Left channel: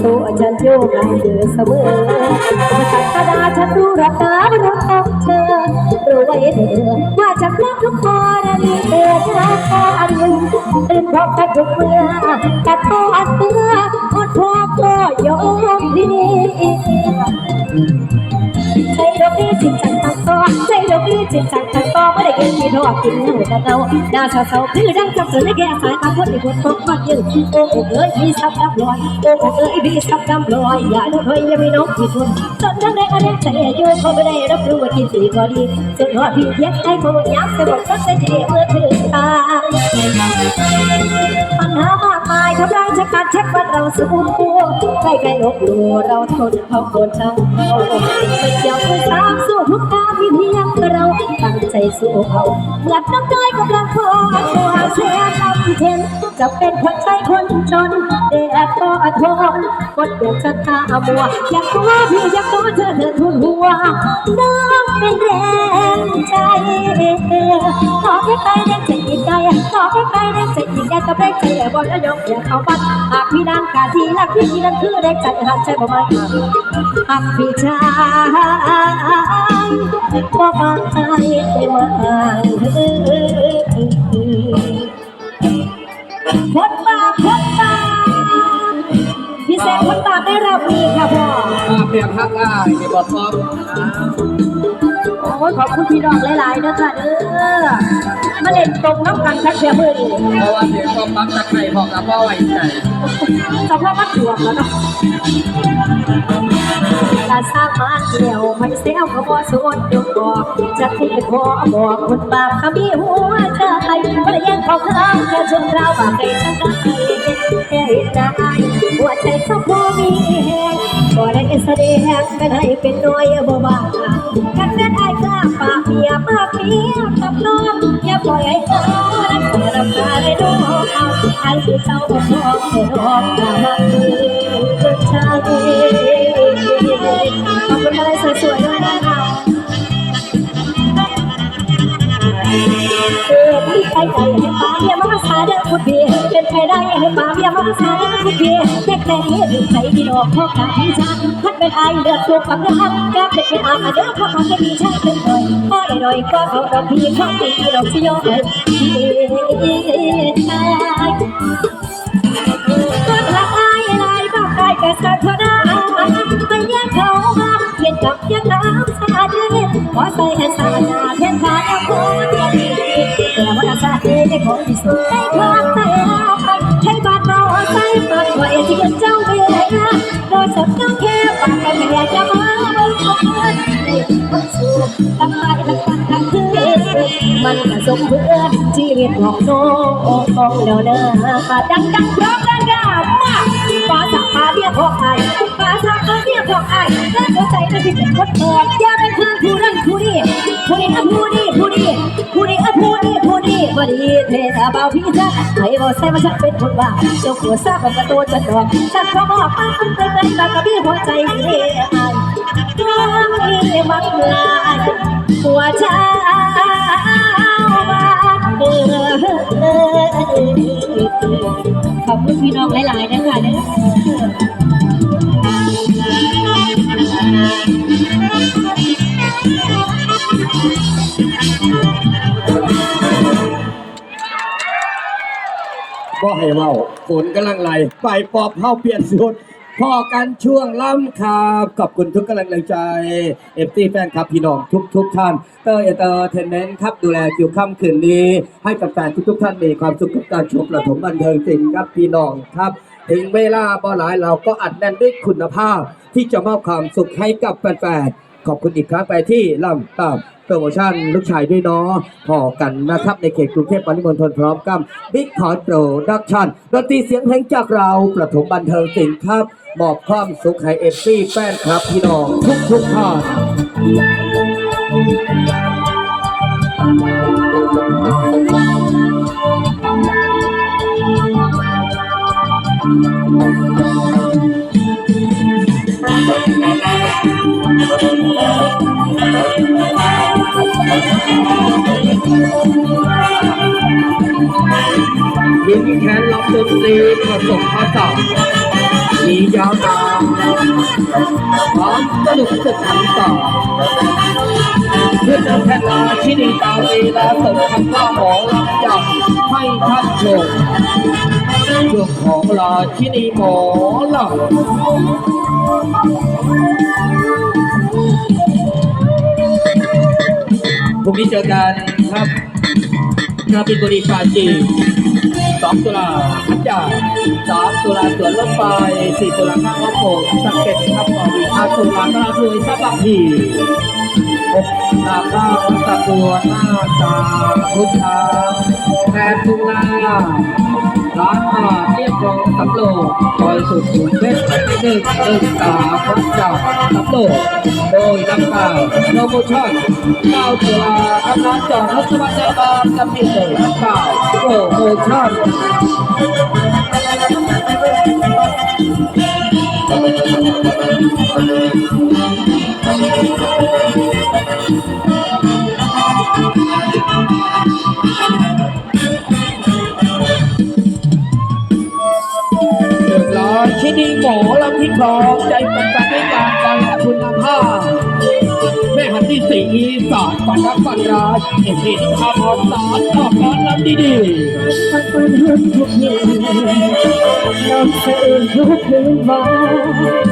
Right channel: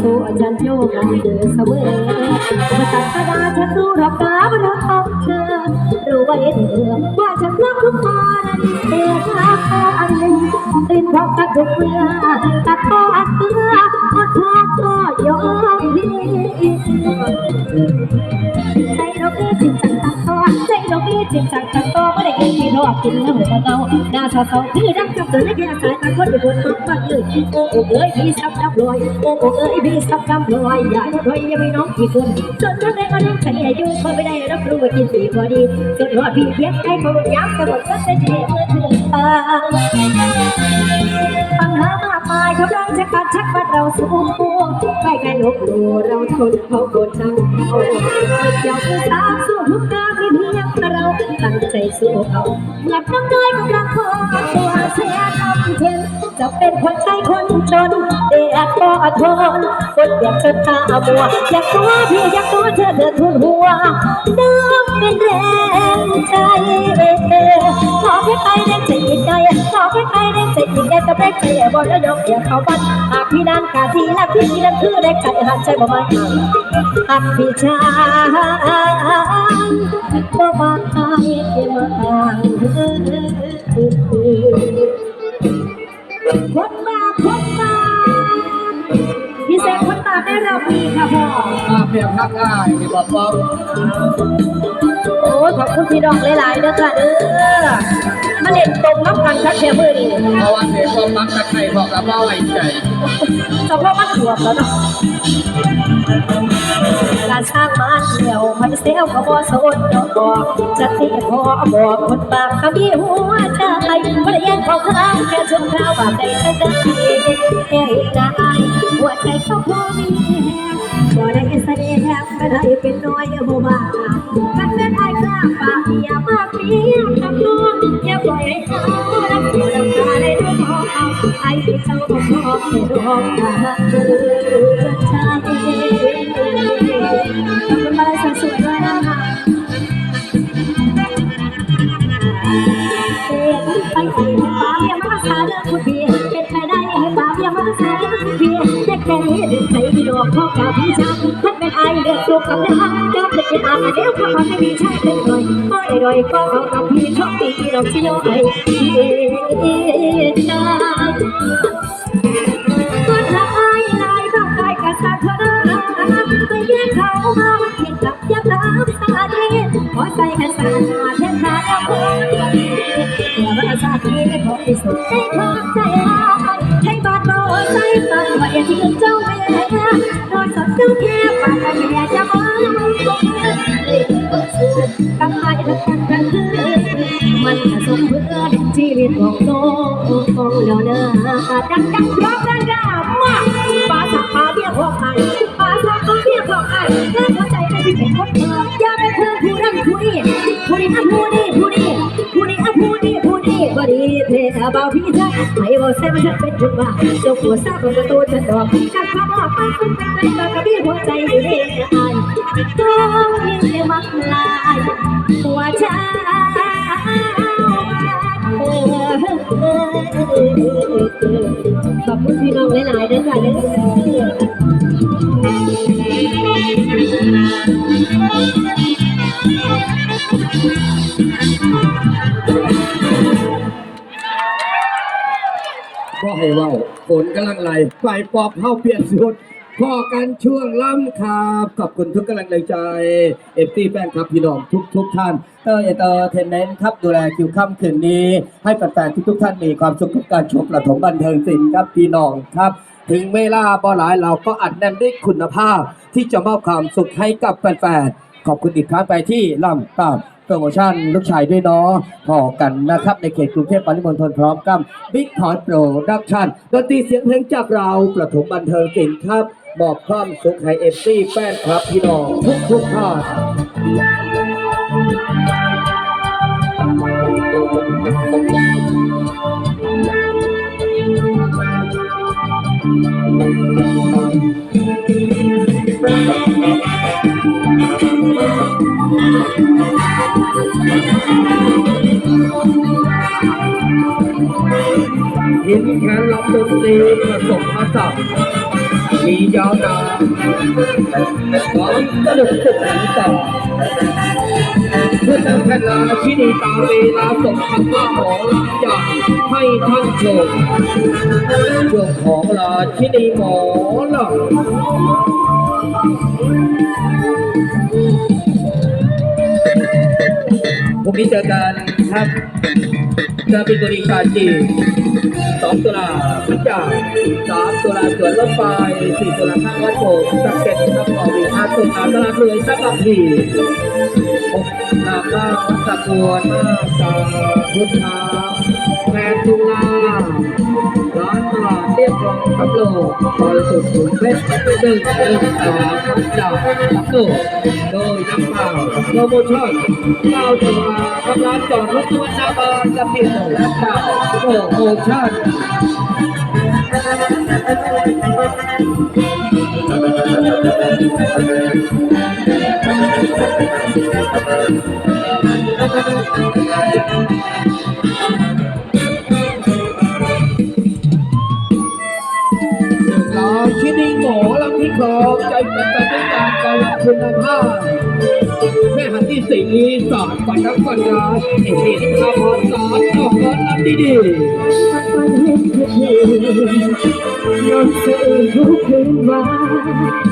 สู่ฉันโยกให้เธอเสมอมาตักกระดาษฉันรู้รักการรักของเธอรู้ไว้เธอว่าจะคลั่งทุกคอนานีเอกรักอันหนึ่งตื่นพบกันทุกเมื่อตัดก็อันเมื่ออดพอก็ยอมดีใจดอกนี้จิตจังตังตอ ใจดอจิตจังตังตอไม่ได้กินที่ดอกกินเงาตะเงาหน้าเศร้าเศร้าคือดังกับสุดในแก่สายตาคนที่คนมองมากยืนโอ้โอ้เอ้ยพี่ซับน้ำลอยโอ้โอ้เอ้ยพี่ซับน้ำลอยอย่าได้ถอยอย่าม่น้องพี่คนจนทั้งได้มาเล่นใจอยู่เขาไม่ได้รับรู้ว่ากินสีพอดีจนรอดพี่เทียบให้เขายักษ์แต่หมดก็จะเจ็บเมื่อถึงตาปัญหามา มายทำลายชะกันชักบันเราสูงปูใกล้กันลบหลู่เราทนเขาโกนเราเขาอย่าเพิ่งตามสู้ทุกการที่เพียงเราตั้งใจสู้เขาเหมือนน้ำน้อยกำลังพอตัวเสียทำเช่นจะเป็นคนใช้คนจนเด็กก็อดทนกดอยากจะตามัวอยากตัวพี่อยากตัวเธอเธอทุนหัวน้ำเป็นแรง รงใจจิตใจบแรงใจบอล้วยกอย่าเขาบ้านหากพี่นั้นกาทีและพี่นั้นคือแรงใจหันใจบ่มาหากพี่ชายบ่มาใครมาห่างพดมาพดมาพี่แซมพดตาได้รับมือค่ะพ่อมาเปรียบพักอ้ายนี่บอกว่าโอ้ยขอบคุณพี่น้องหลายๆเด้อค่ะเด้อ มาเล่นตรงน้ำกันคักเชียมือนี่เพราะว่าเสียงความรักตะไคร่พอกับพ่อไว้ใจสำหรับมันถ่วงแล้วเนาะการสร้างมาเที่ยวมันเซลก็บ่สนดอกจะที่ขอบอกคนบาปก็มีหัวใจบ่ได้แย่งของข้างแค่ชมราวบาปใดจังได้แค่เห็นได้หัวใจเขาพอมีแฮงบ่ได้แสดงก็ได้เป็นน้อยบ่บ้ากันเป็นอายกล้าปากเมียมากเมีย กับน้องอย่าปล่อยให้เขารักตัวรำคาญได้ดอกไอ้ที่เจ้าบ่พอจะรอตาคือใจขอบคุณมาเลยสวยๆด้วยนะคะเออมันไปใจให้ป้าเมียมารักษาเด้อคุณพี่เป็นไปได้ให้ป้าเมียมารักษาเด้อคุณพี่เด็กแต่นี้ดึงใจพี่ดอกพ่อกาพี่ชาท่าน เป็นไอเลือกลูกกับเด็กท่านก็เป็นเป็นอาเดี๋ยวพอมาให้พี่ชายเป็นเลยพ่อได้ดอยก็เอาดอกพี่พ่อพี่ดอกที่ย่อยชายก็ถ้าไอ้ลายบ้าได้ก็สักเท่านั้นไปแย่งเขามาเห็นกับยังน้ำสาดเย็นขอใส่แค่สาดเทียนขาดเอาคนก็ดีแต่ว่าชาติไม่ขอที่สุดให้ความใจไปให้บาดเบาใจปากไว้ที่เจ้าเวรโด สมเพื่อชีวิตของน้องององแล้วนะดังดังพร้อมกันกันมาป้าสักขาเบี้ยพอไอ้ป้าสักขาเบี้ยพอไอ้แต่หัวใจนั้นที่เป็นคนเปิดอย่าเป็นคือผู้นั้นผู้นี้ผู้นี้ผู้นี้ผู้นี้ผู้นี้ผู้นี้ผู้นี้พอดีเทศบาลพี่จ้าให้บอกแซ่มาฉันเป็นคนบ้าเจ้าผัวทราบกับกระโดดฉันดอกฉันขอบอกป้าคุณเป็นไรตากระบี่หัวใจไม่ได้อ่านต้องมีมักลายหัวใจ ขอบคุณพี่น้องหลายๆด้วยค่ะเด้อบ่ให้เว้าฝนกำลังไหลไฟปอบเฮาเปลี่ยนสุด พอกันช่วงล่ำครับขอบคุณทุกกำลังใจเอฟซีแฟนคลับพี่น้องทุกทุกท่านเตอร์เอเตอร์เทนเมนต์ครับดูแลคิวค่ำคืนนี้ ให้แฟนๆทุกๆท่านมีความสุขกับการชมประถมบันเทิงศิลป์ครับพี่น้องครับ ถึงเวลาบ่หลายเราก็อัดแน่นด้วยคุณภาพ ที่จะมอบความสุขให้กับแฟนๆขอบคุณอีกครั้งไปที่ล่ำตามโปรโมชั่นลูกชายด้วยเนาะพอกันนะครับ ในเขตกรุงเทพปริมณฑลพร้อมกับบิ๊กคอร์ดโปรดักชั่นดนตรีเสียงเพลงจากเราประถมบันเทิงศิลป์ครับ มอบความสุขให้เอฟซีแฟนครับพี่น้องทุกทุกท่านข ยิงแขนล็อกดนตรีผสมผสานมียาวตาความสนุกสุดหันต่อเพื่อนำแผ่นลาที่ดีตาเวลาสมคำว่าหมอลำใหญ่ให้ท่านชมช่วงของลาที่ดีหมอลำพรุ่งนี้เจอกันครับราบินบุรีปาจี สองตุลาพันจ่าสามตุลาสวนรถไฟสี่ตุลาข้างวัดโบสักเก็ตครับอวีห้าตุลาตลาดเลยซับบางพีหกนาข้าวักตะกวนหน้าตาพุทธาแปดตุลา ร้านตลาดเรียบคลองสำโรงซอยสุขุมวิทหนึ่งหนึ่งสามวัดจ่าสำโรงโดยน้ำเปล่าโปรโมชั่นเก้าตุลากำลังจอดรถสวัสดิการกับพี่เต๋อน้ำเปล่าโปรโมชั่น คุณภาแม่หันที่สีสอดฝันรักฝันร้ายเอ็มดีที่ทำพรสอนขอบร้อนลำดีสักวันทุกคืนนอนสะอื้นทุกคืนวัน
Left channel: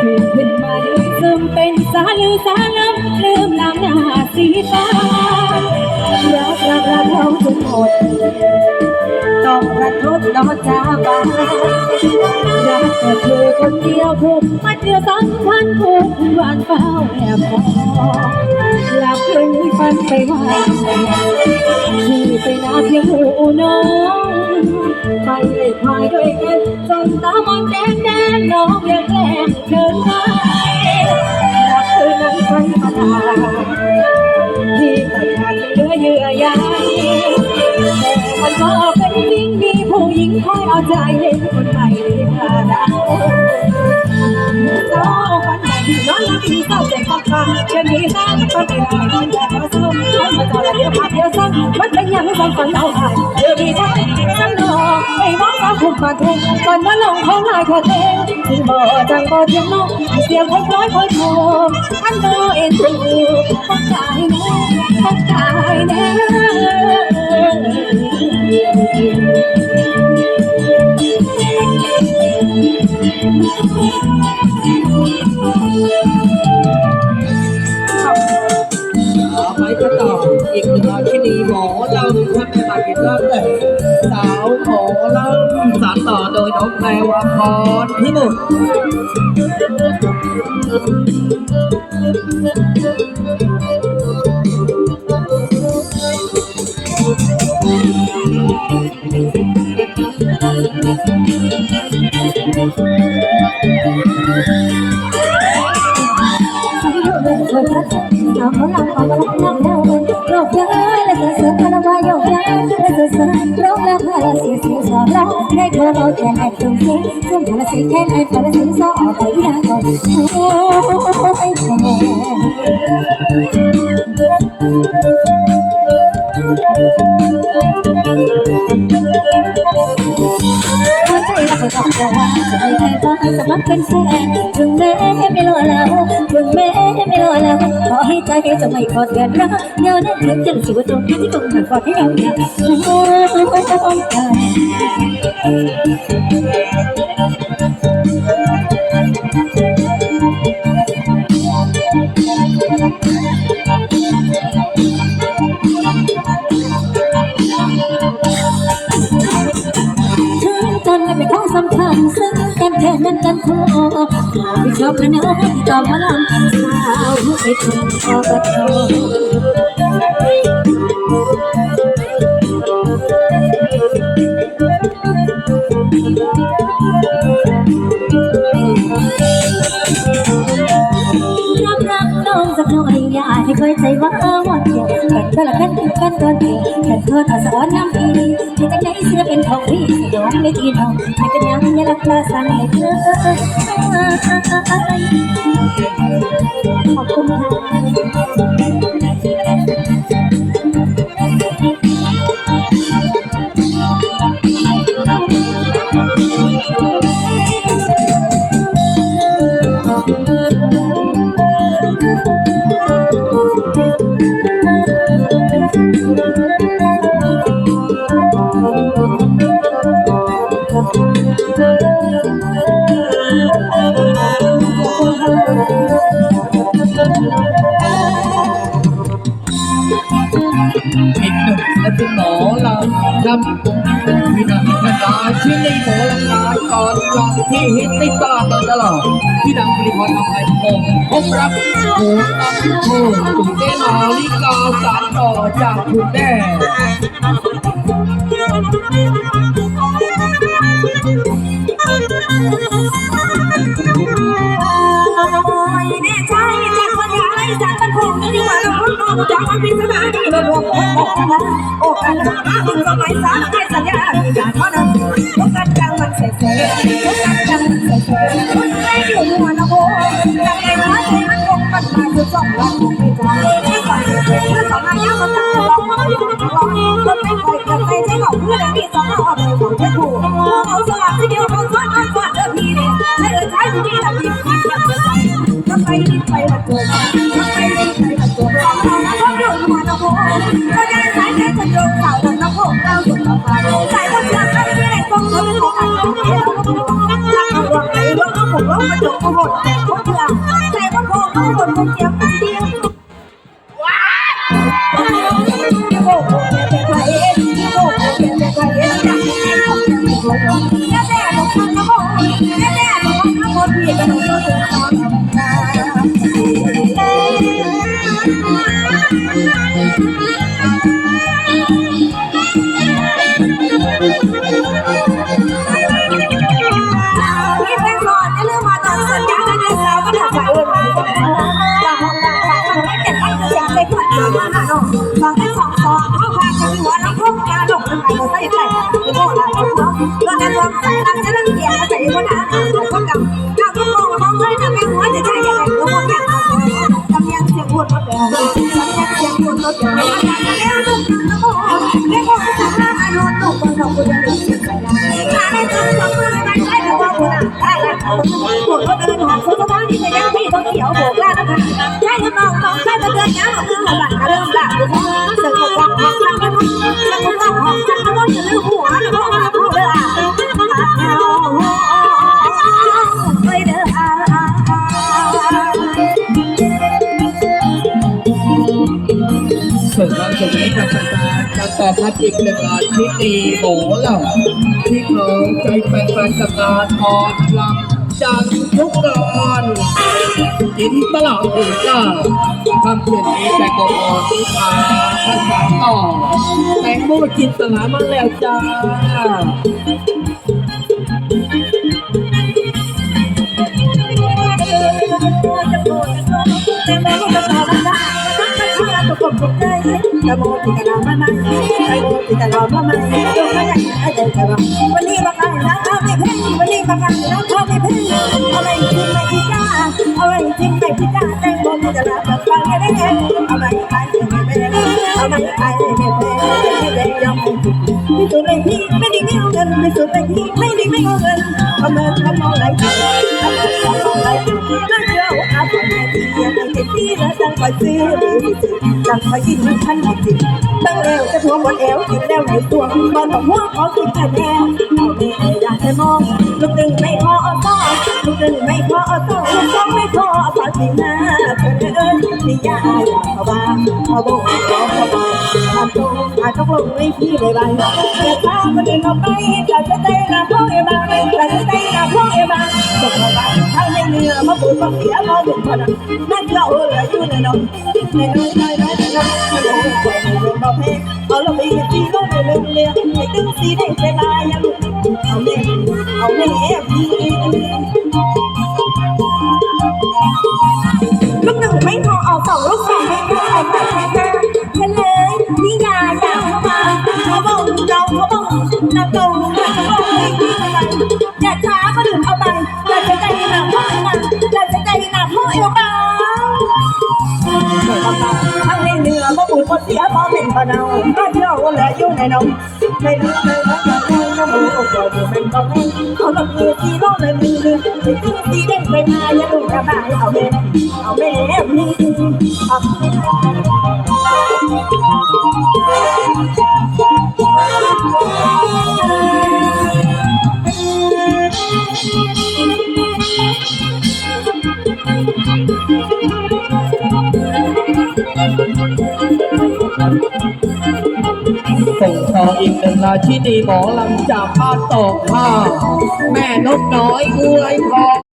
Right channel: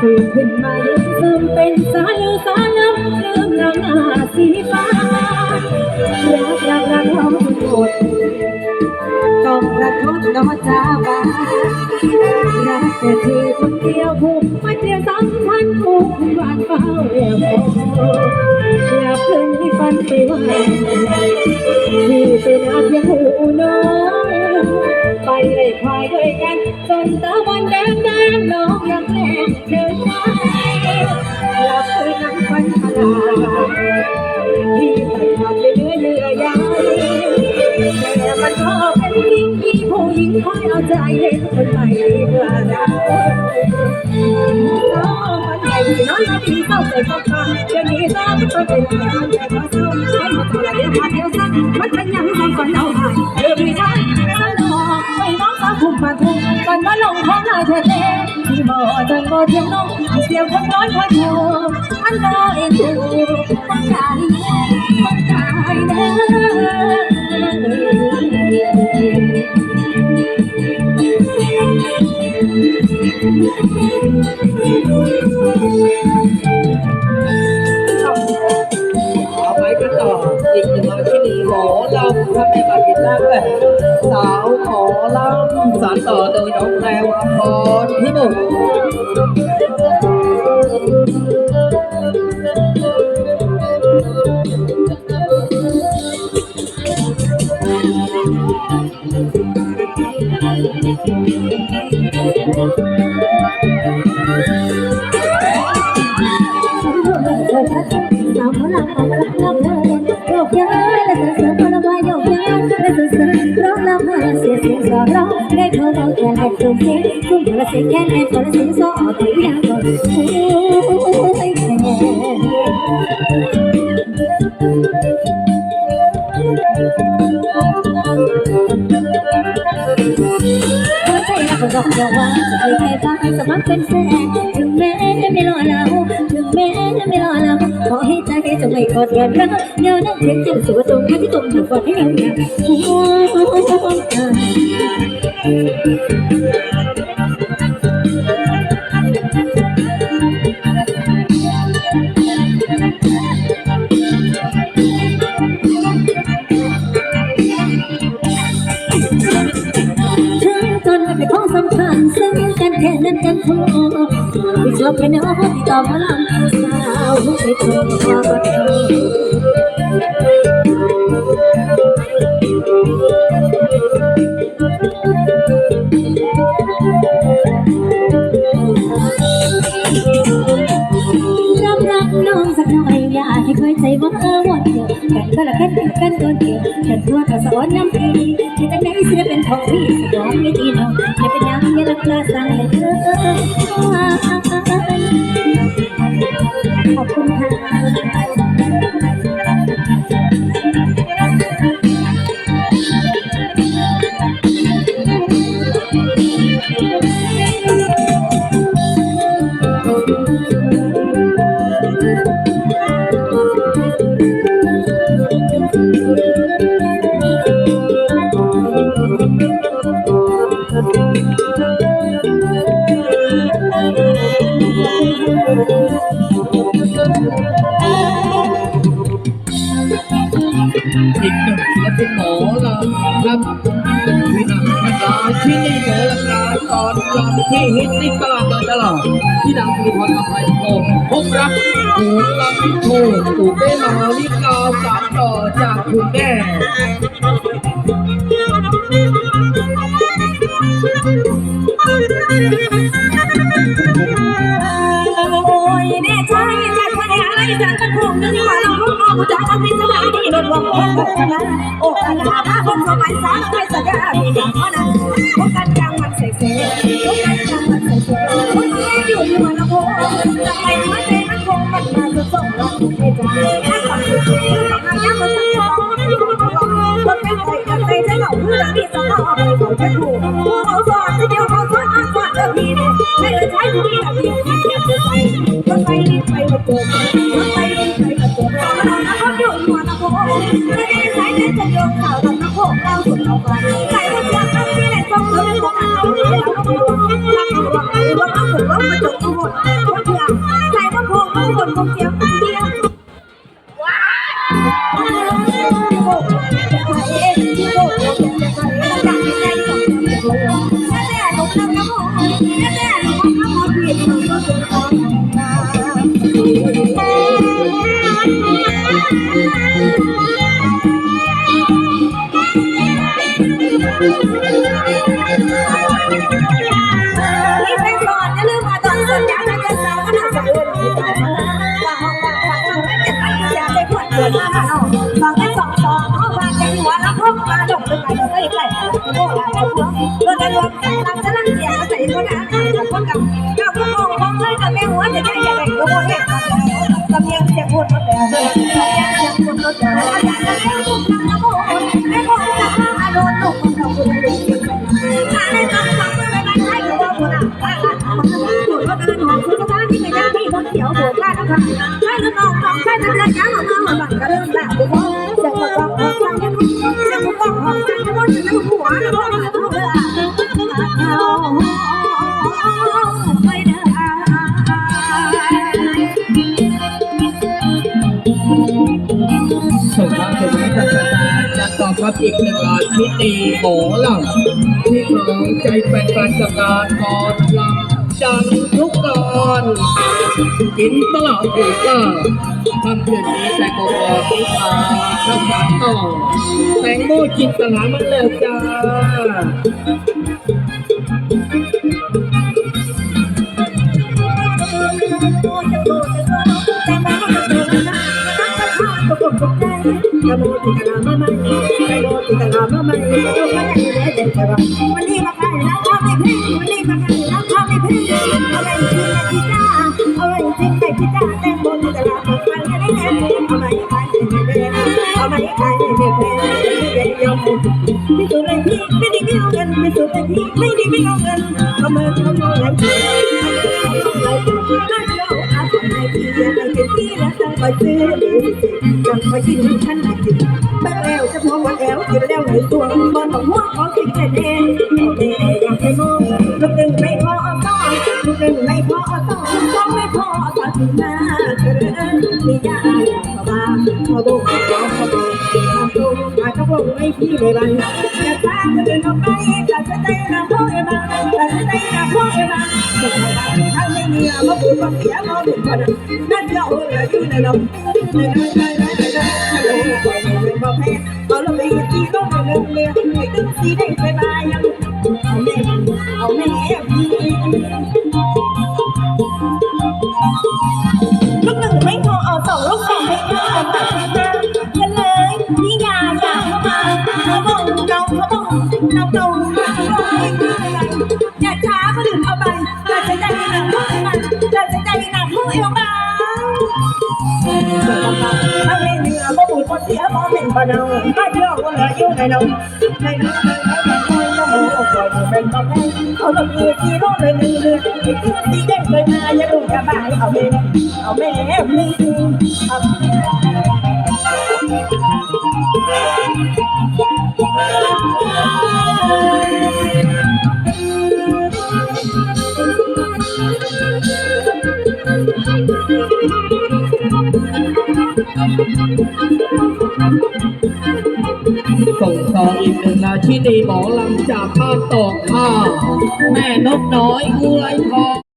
ตื่นขึ้นมาลืมซึมเป็นสาลือสาลืมลืมน้ำหน้าสีฟ้ารักรักรักเราจนหมดต้องรักทดนอนจาบารักแต่เธอคนเดียวผูกมัดเดียวสำ คัญผูกวันเฝ้าเรียบพอหลับลงที่ฝันไปว่าที่ไปนาเพียงหูน้องไปเลยควายด้วยกันจนตามันแดงแดงน้องยังแกล้งเดินไปแล้วคืนนั้นฝันมาลาที่ตัดขาดไปเหลือเยื่อใยแต่มันก็เป็นจริงมีผู้หญิงคอยเอาใจให้คนใหม่รีบลาดาน้ รับที่เศร้าใจฟังฟังจะมีตาฝันใจลอยนอนอย่าท้อซ้ำฝันมาเจ้าละเดียวพาเดียวซ้ำมันเป็นอย่างฝั เอาวไปกันต่องนายเธอเองที่บ่จังบ่เทียงน้องเสียงคนน้อยคอยโทรอันก็เอ็นดูฟ้องใจแน่ฟ้องใจแน่ๆเอาไปกันต่ออีกหนึ่งราชินีหมอลำถ้าแม่มาผิดร่างแต่สาวหมอลำสานต่อโดยน้องแพรวาพรพิมล เอาพลังเอาพลังนับเดินโยกย้ายและเสือพลังมาโยกย้ายและเสือเสือร้องลำพาเสียเสียงสอนร้องได้ขอเราแค่ให้ตรงนี้ซุ่มพลังเสียงแค่ให้พลังเสียงสอนไปยากก่อนโอ้ยแค่หั ใจก็บอกราว่าจะไม่เคยฟังสมัครเป็นแฟนถึงแม้ไม่รอเราถึงแม้ไม่รอเราขอให้ใจจะไม่กอดกันรักเดี๋ยวนั้นฉันจะสู้ตรงที่ตรงถึงกอดให้เราเนี่ยโอ้ยถึ สำคัญซึ่งกันแทนั้นกันพอไม่ชอบกระน้องที่ตอบมาลำสาวไปถึงพอก็ทอ กันก็ละกันกันตอนเดียวกันเพื่อทศวรรค์น้ำปีที่จะไม่เสียเป็นของพี่สยองไม่ตีน้องไม่เป็นยังอย่าลักลาสังเลยเธอ อีกหนึ่งและเป็นหมอลำลำพี่นางนาดาที่นี่หมอลำนาตอนลำที่ฮิตตลาดตลอดพี่นางบริพรอภัยพงรักหูลำโพงถูกได้มาลิกาสารต่อจากคุณแม่ ให้สัญญาดีอย่างนั้นพวกกันกลางมันเสเสพวกกันกลางมันเสเสคนไม่อยู่หัวนะโอ้จากไอ้หัวใจมันคงมันมาจะส่งเราในใจให้กับเสเสเมื่อสองอายุก็ต้องร้องร้องร้องคนไม่เคยเกิดใจใจเขาเพื่อที่สองเอาไปเขาจะถูกเขาสอนที่เดียวเขาสอนเขาสอนเดิมทีนี่ให้เออใช้ที่แบบนี้ที่เทียบจใส่รถไฟรีบไปมาเจอรถไฟรีบไปมาเจอเรานะเขาเดือดหัวนะโอ้ก็ เรา กเป็นไงก็ใส่ใส่คือโบราณเขาเนาะโดนในรวมใส่ตั้งจะนั่งเสียใส่ก็ได้แต่ก็กำก้าวพุ่งมองมองเลยกับแม่หัวจะใช่ยังไงก็มองแค่ตำเนียงเสียงพูดหมดแล้วตำเนียงเสียงพูดหมดแล้วอยากจะเลี้ยงลูกน้ำโมแม่คงจะมาโดนลูกคนเราคุณจะรู้สึกใส่ถ้าได้ทำสองมือไม่ใช่แต่ว่าคุณอะถ้ารักคนพูดก็เดินหอมสุดท้ายนี่ก็ยังที่ต้องเขียวโบกล้านะคะใช่หรือน้องน้องใช่จะเดินยังของมือมาบัดก็เริ่มด่า ๆการตอบรับอีกหนึ่งงานที่ดีหมอลำที่ครองใจแฟนๆกับงานตอนลำจังทุกตอนกินตลอดอีกจ้าคำเพื่อนนี้แตงโมที่พาทักษะต่อแตงโมจินตนามาแล้วจ้า วันนี้มาขายน้ำข้าวไม่เพ่วันนี้มาขายน้ำข้าวไม่เพ่เอาไปกินไปพี่จ้าเอาไปกินไปพี่จ้าแตงโมจะรับฟังกันได้เอาไปขายไม่เพ่เอาไปขายไม่เพ่ไม่เพ่ยอมไม่สุดไม่สุดเลยพี่ไม่ดีไม่เอาเงินไม่สุดเลยพี่ไม่ดีไม่เอาเงินทำเงินทำเอาไหลทำเงินทำเอาไหลน่าเชื่ออาสมในที่เดียวกันที่แล้วตั้งไปซื้อหรือสิตั้งไปกินฉันไม่จริงตั้งแล้วจะพวงวันแอวกินแล้ วในตัวบอลของหัวของสิ่งแน่แน่เอาเด็กอยากให้มองลูกหนึ่งไม่พอต้องลูกหนึ่งไม่พอต้องลูกสองไม่พอตอนที่หน้าเธอนี่ยาอยากเข้าบ้าเขาบอกเขาเขาบอกทำตรงอาจจะลงไม่พี่ได้บ้างแต่ถ้าคนอื่นเอาไปแต่จะใจนะพ่อเอ๋บ้างแต่จะใจนะพ่อเอ๋บ้างจะเข้าบ้างถ้าไม่เหนื้อยมาปวดมาเสียมาบุกคนนั่นเราเอออยู่ในน้ำในน้อยในน้อ นเรื่องเลี้ยงให้ตึ้งสีได้สบายยังเอาแม่เอาแม่พี่ ว่าเหลืออยู่ในนมในเนื้อในน้ำในน้ำโมก็บ่เป็นบ่แม่เขาต้องมีที่โลกเลยมือเลยที่คือที่เด่นเลยมาอย่าดูกระบายเอาแม่เอาแม่มีเอา ราชินีหมอลำจากบ้าคตอกข้าแม่นกน้อยอวยพร